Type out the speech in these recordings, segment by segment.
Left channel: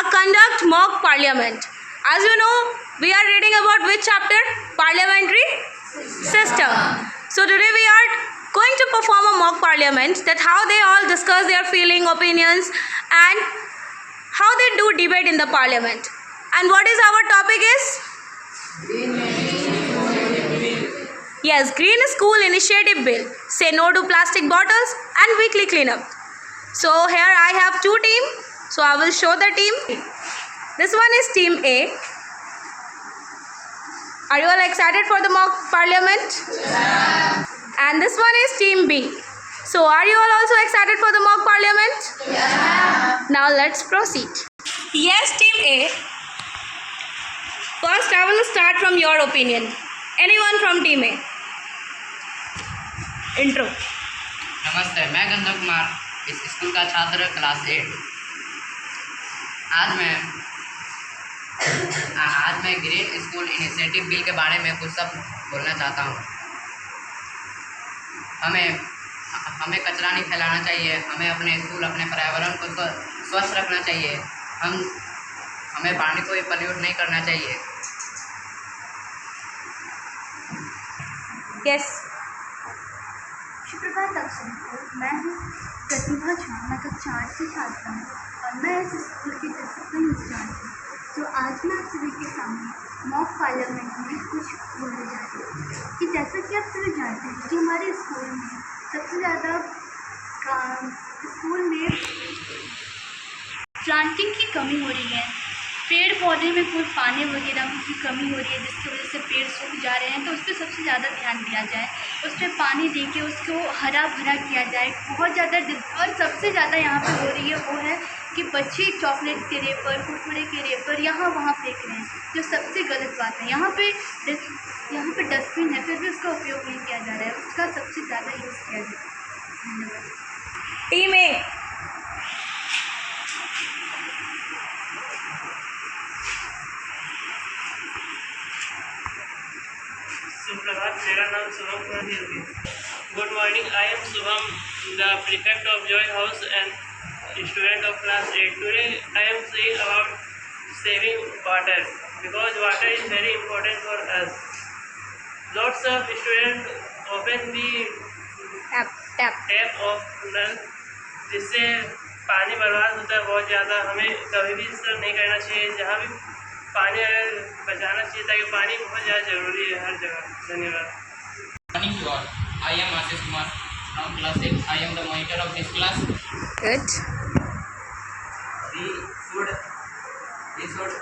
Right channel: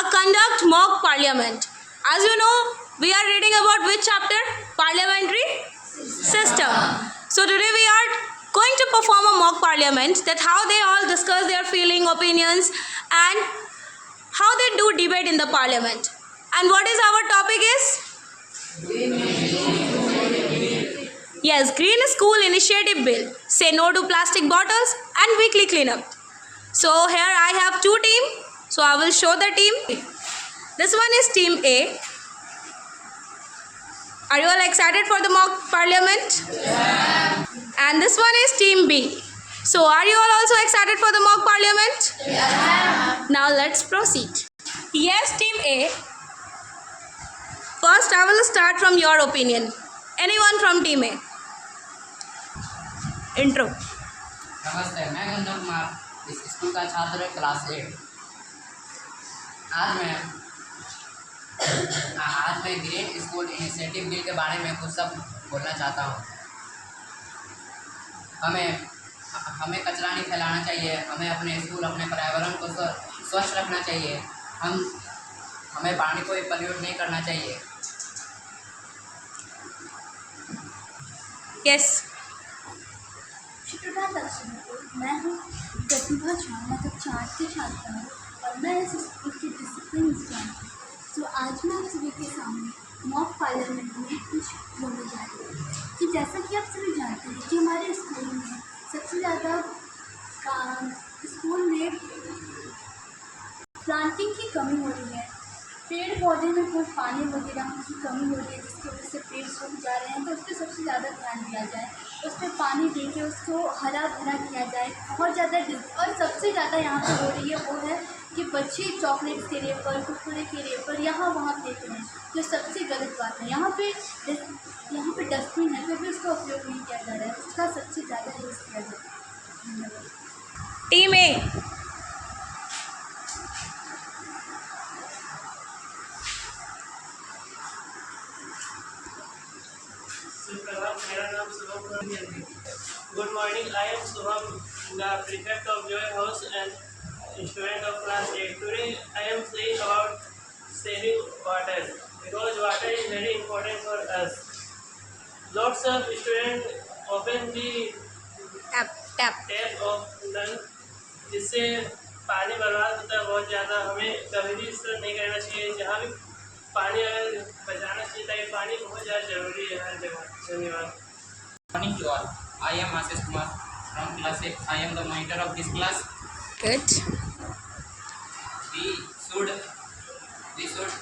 conduct mock parliament. As you know, we are reading about which chapter? Parliamentary system. So today we are going to perform a mock parliament, that how they all discuss their feeling, opinions, and how they do debate in the parliament. And what is our topic is? Yes, Green School Initiative Bill. Say no to plastic bottles and weekly cleanup. So here I have two teams. So I will show the team. This one is team A. Are you all excited for the mock parliament? Yeah. And this one is team B. So are you all also excited for the mock parliament? Yeah. Now let's proceed. Yes, team A. First I will start from your opinion. Anyone from team A? Intro. नमस्ते, मैं गंधर्व कुमार इस school का छात्र class 8। आज मैं green school initiative bill के बारे में कुछ सब बोलना चाहता हूँ। हमें कचरा नहीं फैलाना चाहिए। हमें अपने स्कूल, अपने पर्यावरण को स्वच्छ रखना चाहिए। हमें पानी को पॉल्यूट नहीं करना चाहिए। यस। सुप्रभात आप सबको। मैं हूँ प्रतिभा झा, मैं कक्षा 8 की छात्रा हूँ और मैं इस स्कूल की डिसिप्लिन इंचार्ज हूँ। तो आज मैं आप सभी के सामने मॉक पार्लियामेंट में कुछ बोलने जा रही हूँ कि जैसा कि आप सभी जानते हैं कि हमारे स्कूल में सबसे ज़्यादा स्कूल में प्लांटिंग की कमी हो रही है। पेड़ पौधे में कोई पानी वगैरह की कमी हो रही है, जिसकी वजह से पेड़ सूख जा रहे हैं। तो उस पर सबसे ज़्यादा ध्यान दिया जाए, उस पर पानी दे के उसको हरा भरा किया जाए। बहुत ज़्यादा और सबसे ज़्यादा यहाँ पे हो रही है वो है कि बच्चे चॉकलेट्स के रेपर, कुरकुरे के रेपर यहाँ वहाँ फेंक रहे हैं, जो सबसे गलत बात है। यहाँ पे डस्टबिन है, फिर भी उसका उपयोग नहीं किया जा रहा है, उसका सबसे ज़्यादा यूज़ किया जाए। धन्यवाद। टीम ए। सुप्रभात, मेरा नाम शुभम कुमार है। Good morning, I am Shubham, the prefect of Joy House and student of class 8. Today I am saying about saving water, because water is very important for us. Lots of students open the tap of नल, जिससे पानी बर्बाद होता है बहुत ज़्यादा। हमें कभी भी इस तरह नहीं करना चाहिए। जहाँ भी पानी बचाना चाहिए, ताकि पानी बहुत ज़्यादा जरूरी है हर जगह। धन्यवाद। Morning to all. I am Ashish Kumar from class 8. I am the monitor of this class. Good. We should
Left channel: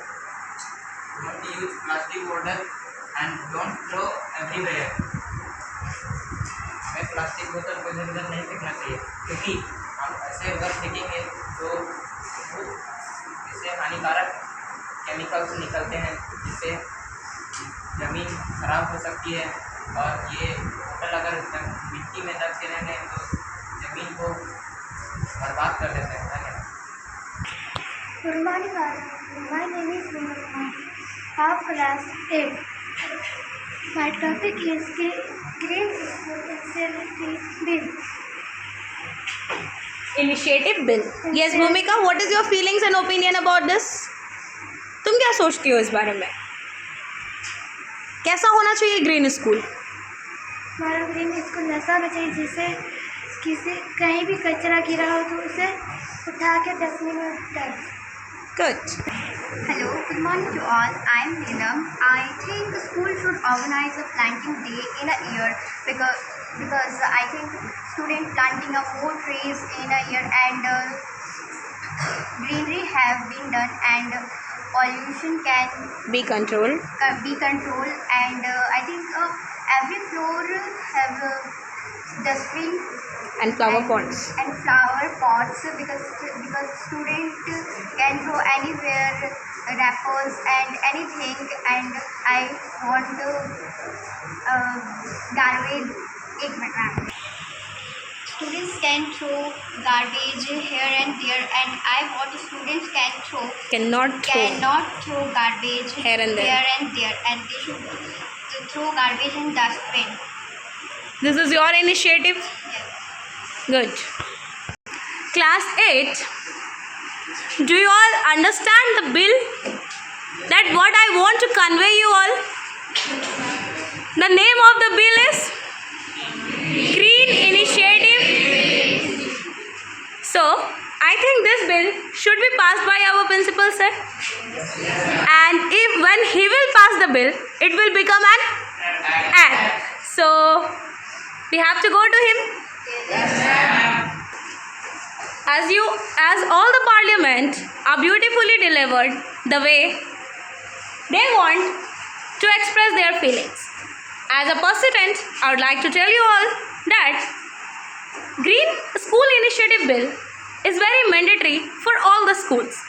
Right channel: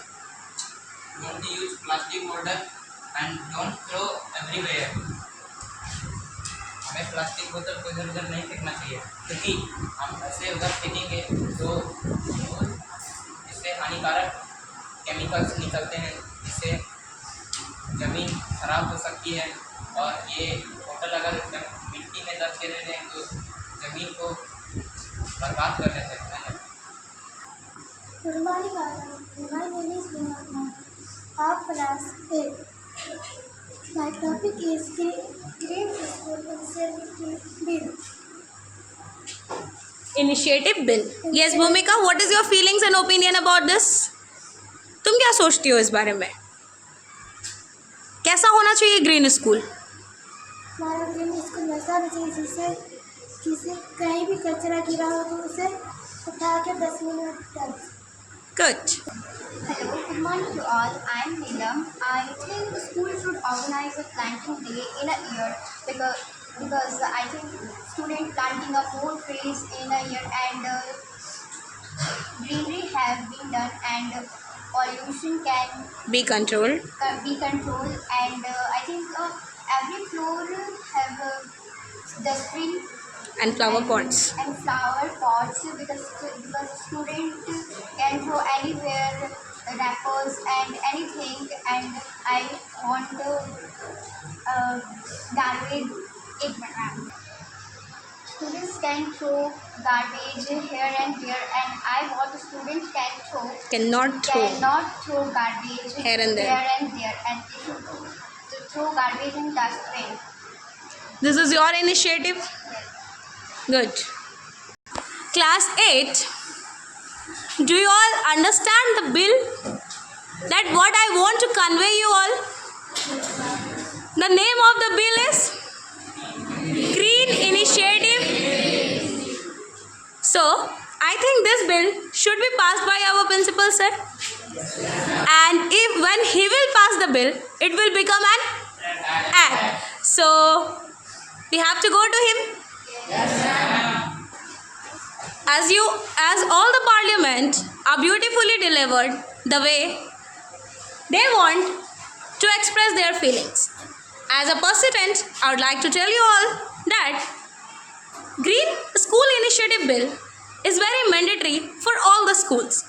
don't use plastic bottle and don't throw everywhere. हमें प्लास्टिक बोतल को इधर उधर नहीं फेंकना चाहिए, क्योंकि हम ऐसे अगर फेंकेंगे तो इससे हानिकारक केमिकल्स निकलते हैं, जिससे ज़मीन खराब हो सकती है। और ये बोतल अगर मिट्टी में दब के रहने तो ज़मीन को बर्बाद कर देते हैं। धन्यवाद। Good morning, my name is Vinod of class 8. My topic is Green School Initiative Bill. Initiative bill. Yes, Bhumika, what is your feelings and opinion about this? तुम क्या सोचती हो इस बारे में? कैसा होना चाहिए ग्रीन स्कूल? हमारा ग्रीन स्कूल ऐसा होना चाहिए जिससे किसी कहीं भी कचरा गिरा हो तो उसे उठा के डस्टबिन में डाल। Good. Hello, good morning to all. I am Neelam. I think the school should organize a planting day in a year because I think student planting of more trees in a year and greenery have been done and pollution can Be controlled. And I think every floor have dustbin And flower pots. and flower pots because student can throw anywhere wrappers and anything, and I want garbage. एक minute ma'am. Students can throw garbage here and there, and I want students Cannot throw garbage Here and there. and they should throw garbage in dustbin. This is your initiative? Yes. Good. Class 8. Do you all understand the bill? That what I want to convey you all? The name of the bill is Green Initiative. So, I think this bill should be passed by our principal sir. And if when he will pass the bill, it will become an act. So, we have to go to him. As all the parliament are beautifully delivered the way they want to express their feelings. As a president, I would like to tell you all that Green School Initiative Bill is very mandatory for all the schools,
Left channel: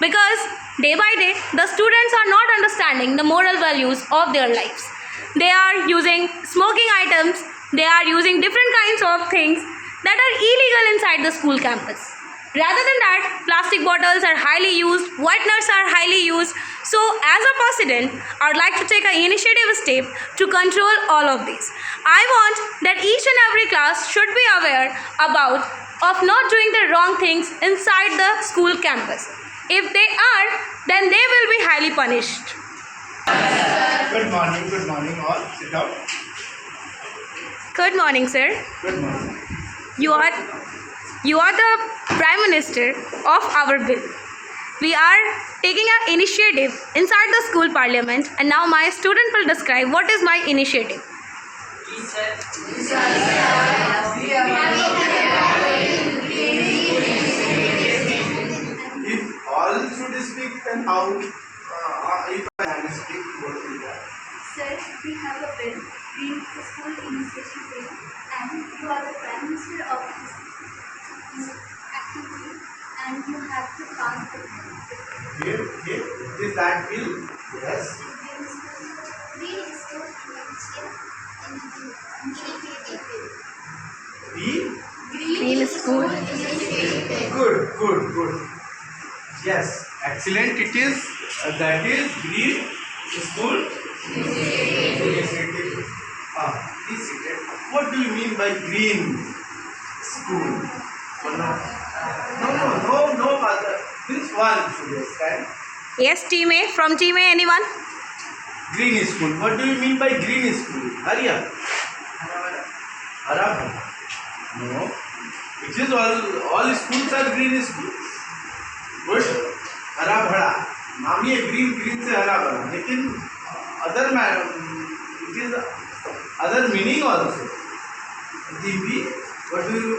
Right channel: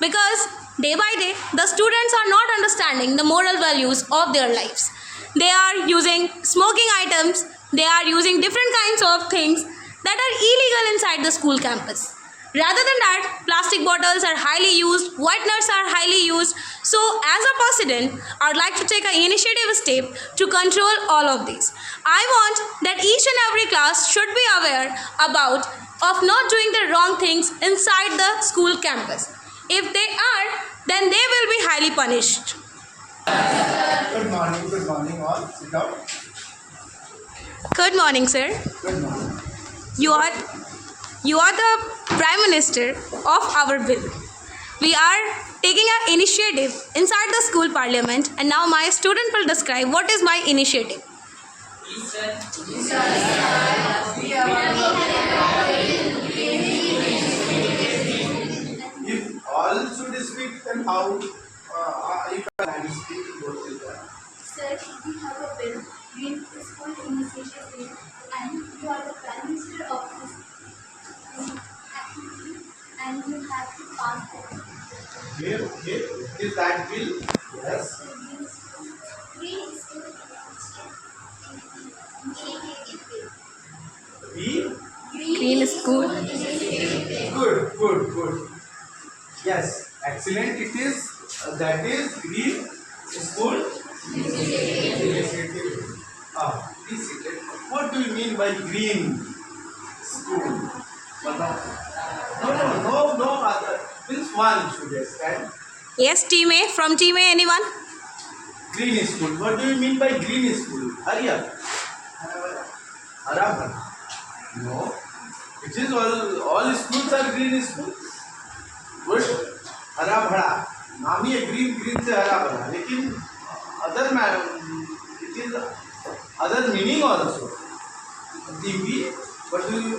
because day by day the students are not understanding the moral values of their lives. They are using smoking items, they are using different kinds of things that are illegal inside the school campus. Rather than that, plastic bottles are highly used, whiteners are highly used. So as a president, I would like to take an initiative step to control all of these. I want that each and every class should be aware about of not doing the wrong things inside the school campus. If they are, then they will be highly punished. Good morning all. Sit down. Good morning, sir. Good morning. You are the Prime Minister of our bill. We are taking an initiative inside the school parliament, and now my student will describe what is my initiative. If all should speak, then how? If I can speak, what will that? Sir, we have a bill, Green School Initiative Bill, and you are the Prime Minister of this activity, and you have to pass the bill. Here, is that bill? Yes. Green School Initiative Bill. B? Green School. Good. Yes, excellent. It is. That is Green School Initiative. Please sit it. What do you mean by green school? No, other. Means one should understand. Yes, team A. From team A, anyone? Green school. What do you mean by green school? Hurry up. Hara. No. It is all schools are green schools. Good. हरा भरा. नाम ये green से हरा भरा. लेकिन it is other meaning also. TV. What do you?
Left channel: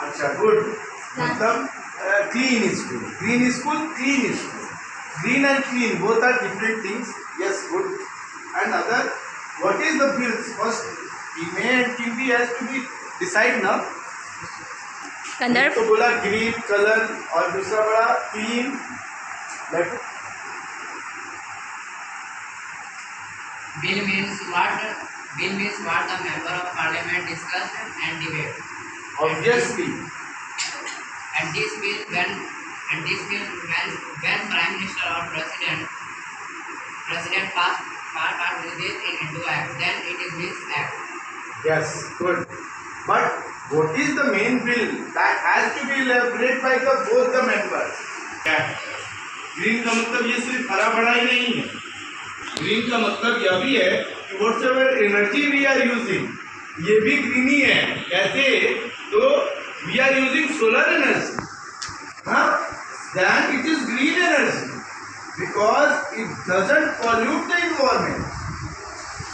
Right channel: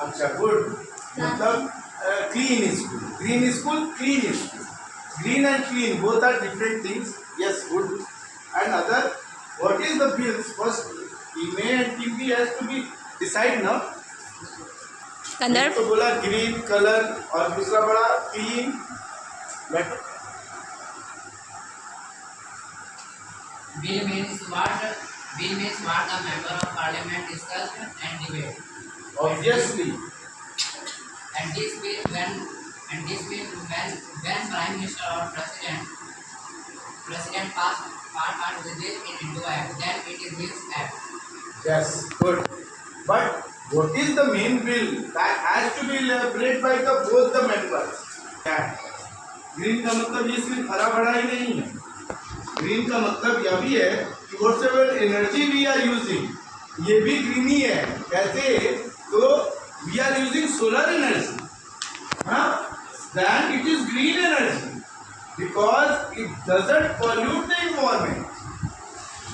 अच्छा good. मतलब clean school. Green school, clean school. Green and clean both are different things. Yes, good. And other, what is the bills? First, team A and team B has to be decide now. Gandharv. तो बोला green color और दूसरा बड़ा clean. But Bill means what the member of parliament discussed and debate. obviously, And this bill when prime minister or president pass this into act, then it is his act. yes, good. But what is the main bill that has to be elaborated by both the members? क्या? Green का मतलब ये सिर्फ हरा भरा ही नहीं है. Green का मतलब यह भी है कि whatever energy we are using, ये भी green ही है. कैसे? तो we are using solar energy. हाँ? Then it is green energy because it doesn't pollute the environment.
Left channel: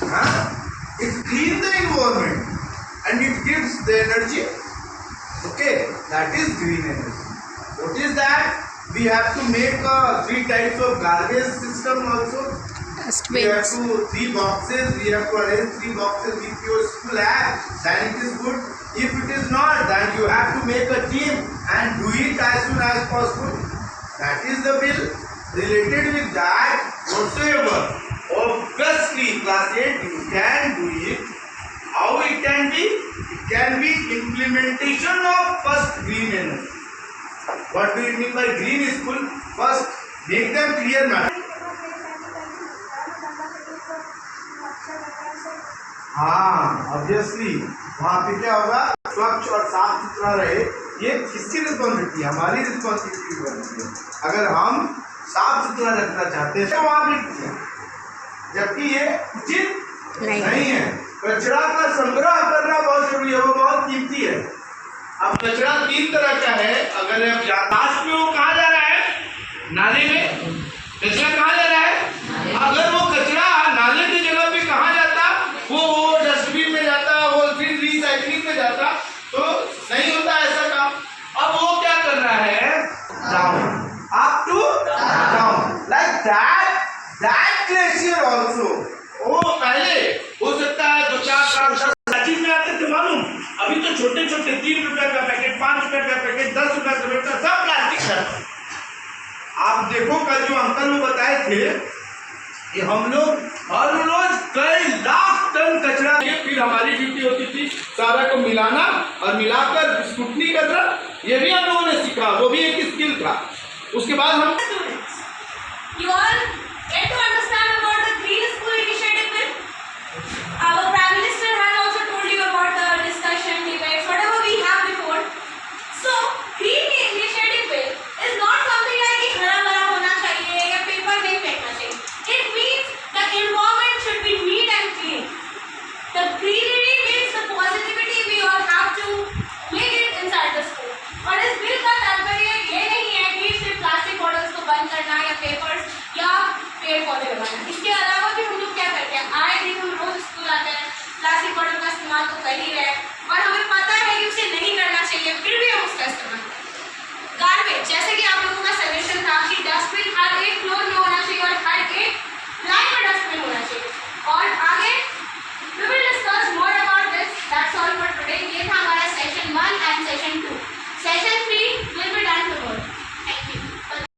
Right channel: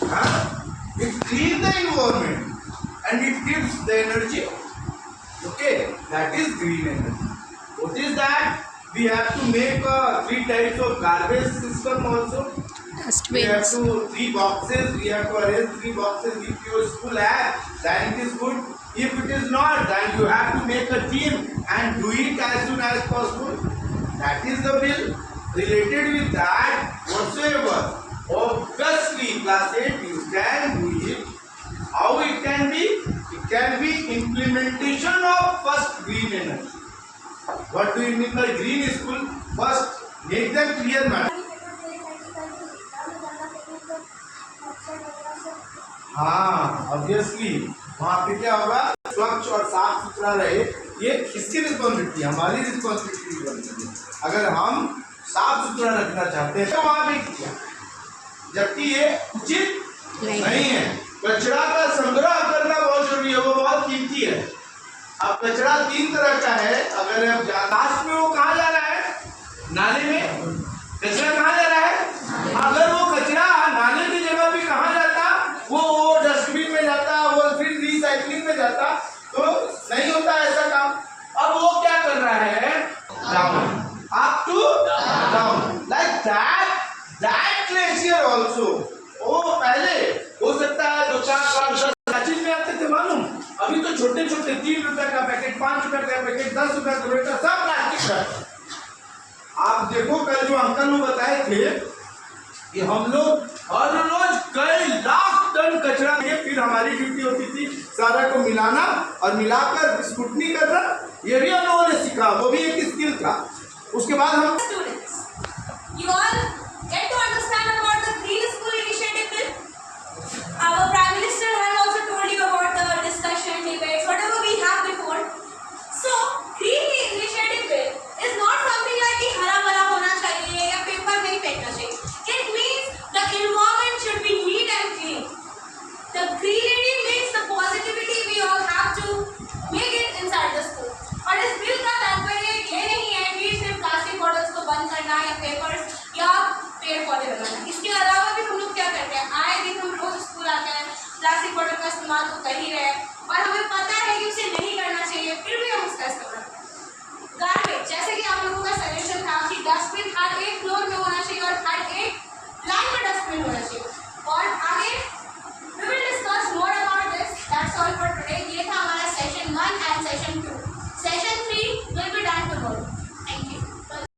हाँ? It cleans the environment and it gives the energy. Okay, that is green energy. What is that? We have to make 3 types of garbage system also. We have to 3 boxes. We have to arrange 3 boxes with your school app. Then it is good. If it is not, then you have to make a team and do it as soon as possible. That is the bill. Related with that, whatsoever. Obviously, class 8 you can do it. How it can be? It can be implementation of first green energy. What do you mean by green school? First, make them clear, madam. हाँ, obviously, वहाँ पे क्या होगा? स्वच्छ और साफ सुथरा रहे ये किसकी रिस्पॉन्सिबिलिटी? हमारी रिस्पॉन्सिबिलिटी बनती है। अगर हम साफ सुथरा रखना चाहते हैं तो वहाँ भी किया, जबकि ये उचित नहीं है। कचरा का संग्रह करना बहुत जरूरी है, वो बहुत कीमती है। अब कचरा 3 तरह का है। अगर अब लास्ट में वो कहाँ जा रहा है? नाले में। कचरा कहाँ जा रहा है? अगर वो कचरा नाले की जगह पे कहाँ जाता, वो डस्टबिन में जाता, वो फिर रिसाइकलिंग में जाता, तो नहीं होता ऐसा काम। अब वो क्या कर रहा है? Down, up to down, like that glacier also. वो पहले हो सकता है जो क्या चीज में आते थे मालूम, अभी तो छोटे छोटे 3 रुपए का पैकेट, 5 रुपए का पैकेट, 10 रुपए का पैकेट, सब प्लास्टिक है। आप देखो कल जो अंकल वो बताए थे कि हम लोग हर रोज कई लाख टन कचरा, फिर हमारी ड्यूटी होती थी सारा को मिलाना और मिलाकर स्क्रूटनी करना। ये भी हम लोगों ने सीखा, वो भी एक स्किल था। उसके बाद हम You all